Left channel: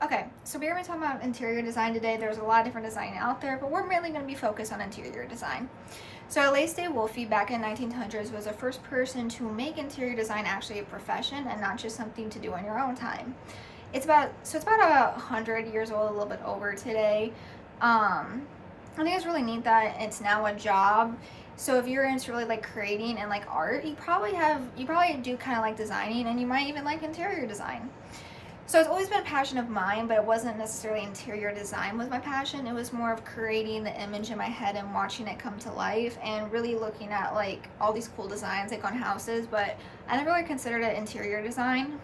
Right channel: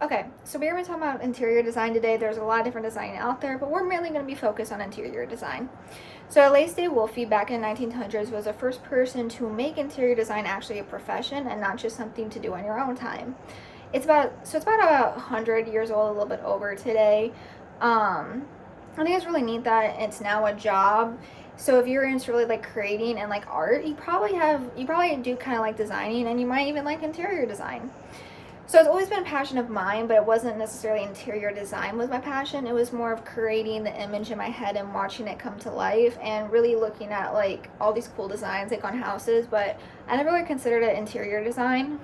Okay, so we're going to talk about interior design today. There's a lot of different design out there, but we're mainly going to be focused on interior design. So Alastair Wolfe back in the 1900s was the first person to make interior design actually a profession and not just something to do on your own time. It's about 100 years old, a little bit over today. I think it's really neat that it's now a job. So if you're into really like creating and like art, you probably do kind of like designing, and you might even like interior design. So it's always been a passion of mine, but it wasn't necessarily interior design was my passion. It was more of creating the image in my head and watching it come to life and really looking at like all these cool designs like on houses, but I never really considered it interior design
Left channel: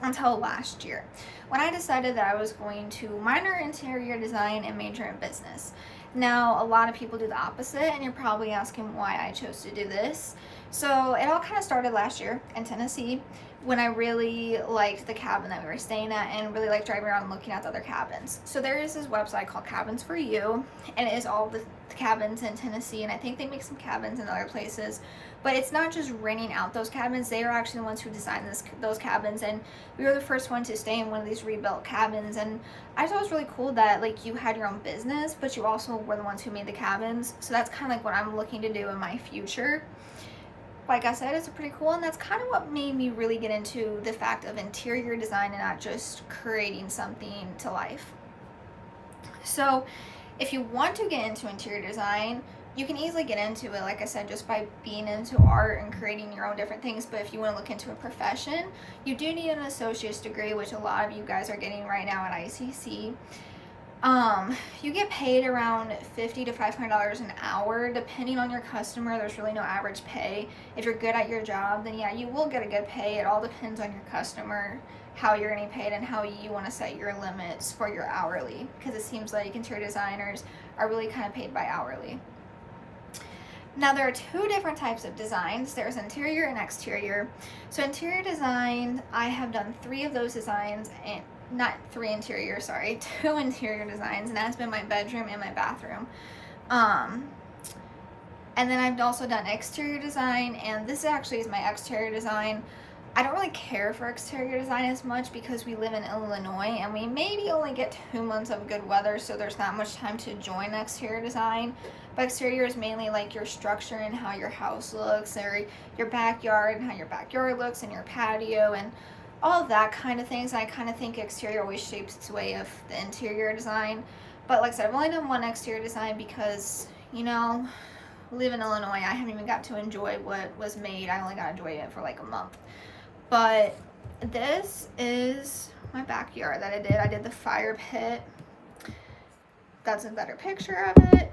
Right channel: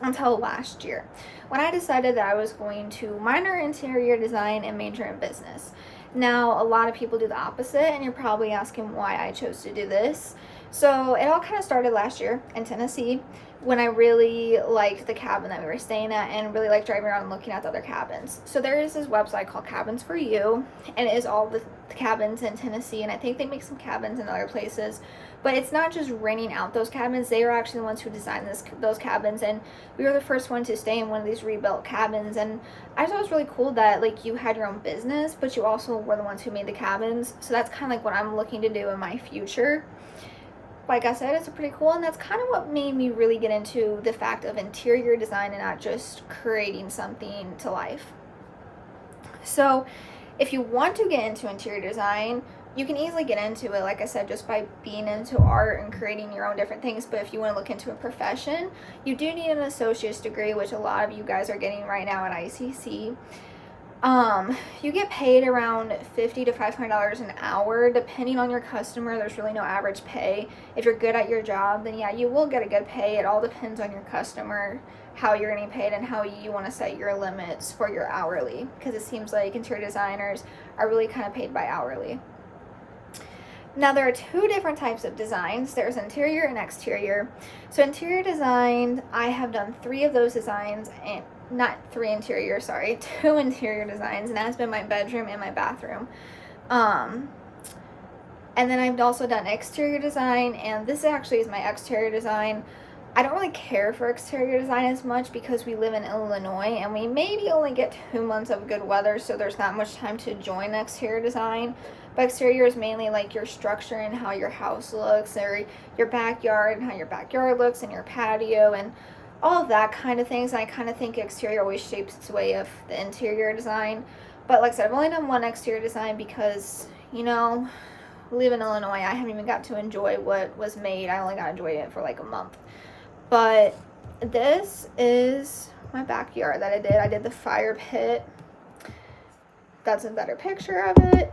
until last year when I decided that I was going to minor interior design and major in business. Now, a lot of people do the opposite, and you're probably asking why I chose to do this. So, it all kind of started last year in Tennessee when I really liked the cabin that we were staying at and really liked driving around and looking at the other cabins. So, there is this website called Cabins for You, and it is all the cabins in Tennessee, and I think they make some cabins in other places. But it's not just renting out those cabins, they are actually the ones who designed those cabins, and we were the first one to stay in one of these rebuilt cabins. And I thought it was really cool that like you had your own business, but you also were the ones who made the cabins. So that's kind of like what I'm looking to do in my future. Like I said, it's pretty cool, and that's kind of what made me really get into the fact of interior design and not just creating something to life. So if you want to get into interior design, you can easily get into it, like I said, just by being into art and creating your own different things. But if you want to look into a profession, you do need an associate's degree, which a lot of you guys are getting right now at ICC. You get paid around $50 to $500 an hour, depending on your customer. There's really no average pay. If you're good at your job, then yeah, you will get a good pay. It all depends on your customer, how you're getting paid, and how you want to set your limits for your hourly. Because it seems like interior designers are really kind of paid by hourly. Now, there are two different types of designs. There's interior and exterior. So interior design, I have done 3 of those designs, and not 3 interior, sorry, 2 interior designs, and that's been my bedroom and my bathroom. And then I've also done exterior design, and this actually is my exterior design. I don't really care for exterior design as much because we live in Illinois and we maybe only get 2 months of good weather, so there's not much time to join exterior design. But exterior is mainly like your structure and how your house looks, or your backyard and how your backyard looks, and your patio and all of that kind of things. And I kind of think exterior always shapes its way of the interior design. But like I said, I've only done one exterior design because, we live in Illinois. I haven't even got to enjoy what was made. I only got to enjoy it for like a month. But this is my backyard that I did. I did the fire pit. That's a better picture of it.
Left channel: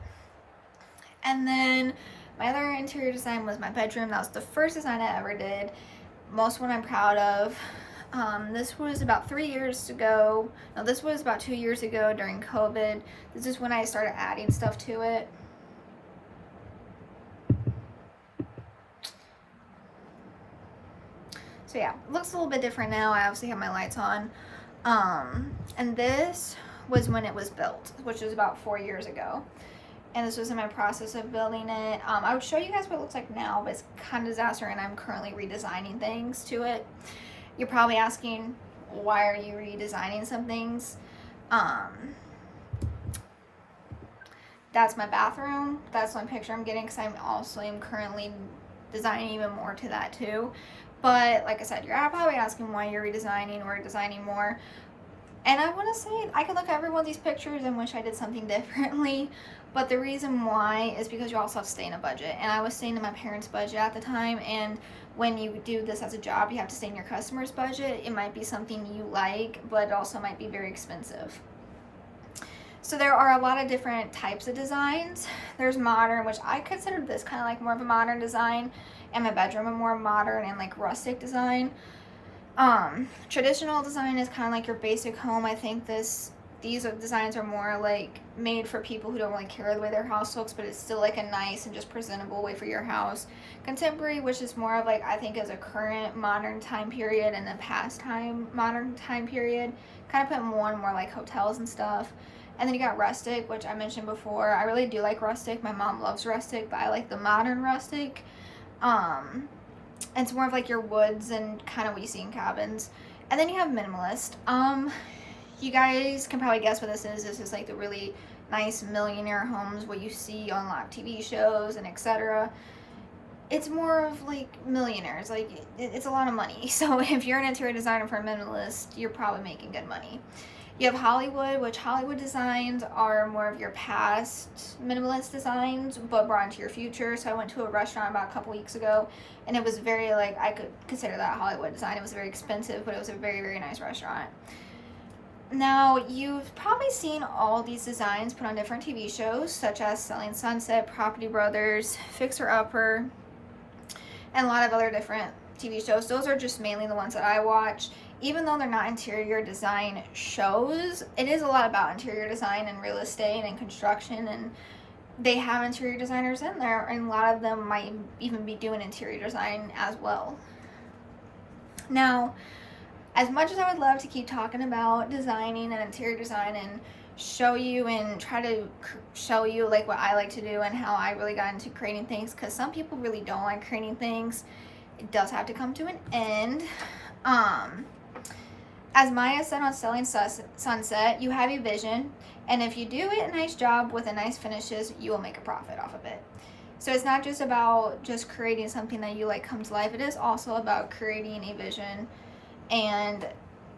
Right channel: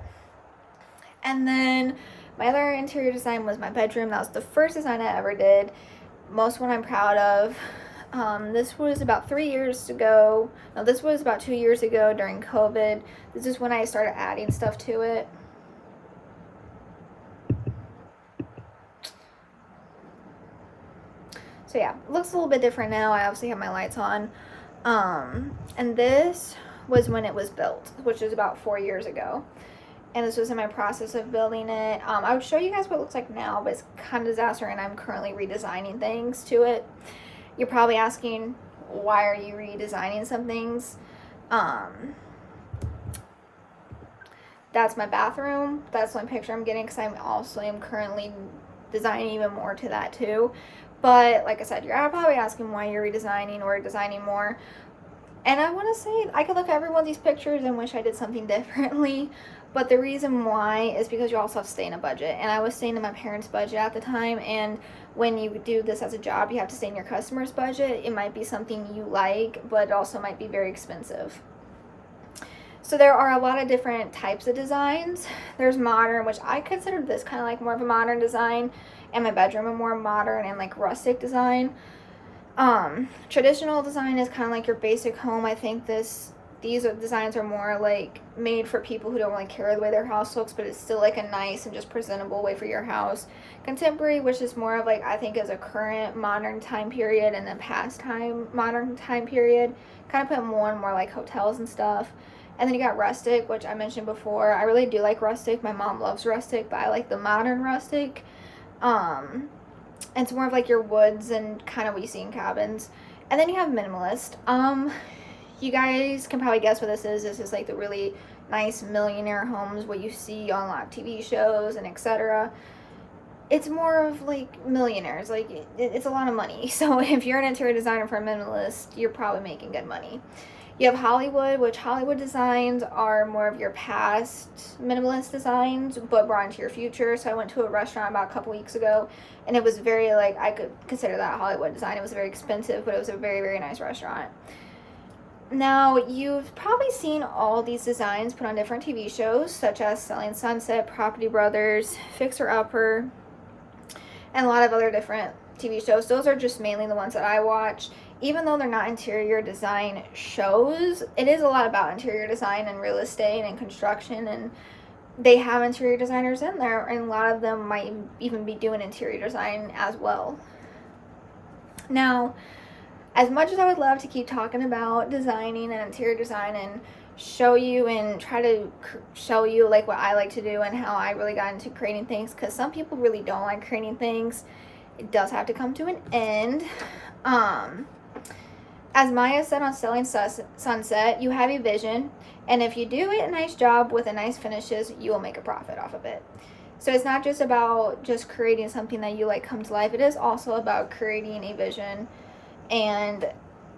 And then my other interior design was my bedroom. That was the first design I ever did. Most one I'm proud of. This was about 3 years ago. No, this was about 2 years ago during COVID. This is when I started adding stuff to it. So yeah, it looks a little bit different now. I obviously have my lights on. And this was when it was built, which was about 4 years ago. And this was in my process of building it. I would show you guys what it looks like now, but it's kind of a disaster, and I'm currently redesigning things to it. You're probably asking, why are you redesigning some things? That's my bathroom. That's one picture I'm getting because I'm currently designing even more to that too. But like I said, you're probably asking why you're redesigning or designing more. And I want to say, I could look at every one of these pictures and wish I did something differently. But the reason why is because you also have to stay in a budget. And I was staying in my parents' budget at the time. And when you do this as a job, you have to stay in your customer's budget. It might be something you like, but it also might be very expensive. So there are a lot of different types of designs. There's modern, which I consider this kind of like more of a modern design. And my bedroom a more modern and like rustic design. Traditional design is kind of like your basic home. I think these designs are more like made for people who don't really care the way their house looks, but it's still like a nice and just presentable way for your house. Contemporary, which is more of like, I think, is a current modern time period and a past modern time period. Kind of put more and more like hotels and stuff. And then you got rustic, which I mentioned before. I really do like rustic. My mom loves rustic, but I like the modern rustic. It's more of like your woods and kind of what you see in cabins. And then you have minimalist. you guys can probably guess what this is. This is like the really nice millionaire homes, what you see on live TV shows and etc. It's more of like millionaires, like it's a lot of money. So if you're an interior designer for a minimalist, you're probably making good money. You have Hollywood, which Hollywood designs are more of your past minimalist designs, but brought into your future. So I went to a restaurant about a couple weeks ago, and it was very, like, I could consider that a Hollywood design. It was very expensive, but it was a very, very nice restaurant. Now, you've probably seen all these designs put on different TV shows, such as Selling Sunset, Property Brothers, Fixer Upper, and a lot of other different TV shows. Those are just mainly the ones that I watch. Even though they're not interior design shows, it is a lot about interior design and real estate and construction, and they have interior designers in there, and a lot of them might even be doing interior design as well. Now, as much as I would love to keep talking about designing and interior design and show you and try to show you like what I like to do and how I really got into creating things, because some people really don't like creating things, it does have to come to an end. As Maya said on Selling Sunset, you have a vision, and if you do a nice job with a nice finishes, you will make a profit off of it. So it's not just about just creating something that you like come to life. It is also about creating a vision and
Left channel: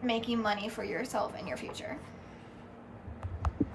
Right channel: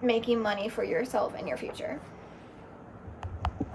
making money for yourself in your future.